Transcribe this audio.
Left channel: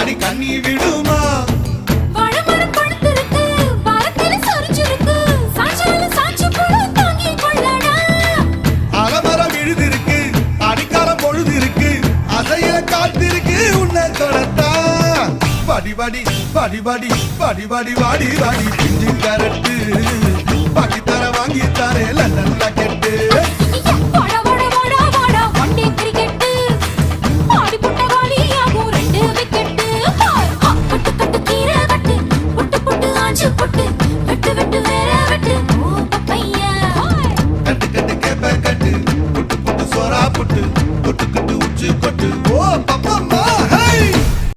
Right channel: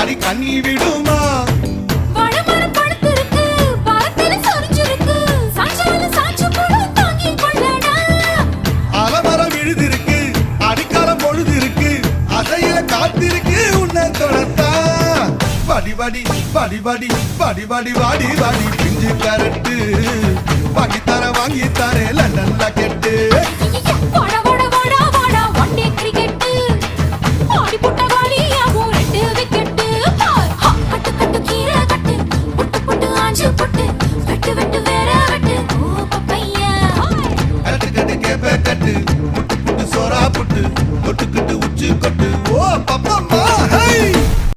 அடி கண்ணி விடுமா வாழைமரம் பழுத்திருக்கு, வாரத்தில சொரிஞ்சிருக்கு, சாஞ்சாலும் சாஞ்சு போடு தாங்கிக் கொள்ளடா. அலமரம் விழுதிருக்கு, அடிக்காலம் பொழுதிருக்கு, அதைய காத்திருக்கு உன்னை தொடத்தா. படி படி படி படி படி படி வாடி வாடி பிஞ்சு கரட்டு, பாக்கி தர வாங்கி தரே லண்டன்ல கெட்டு. ஐயைய, போடா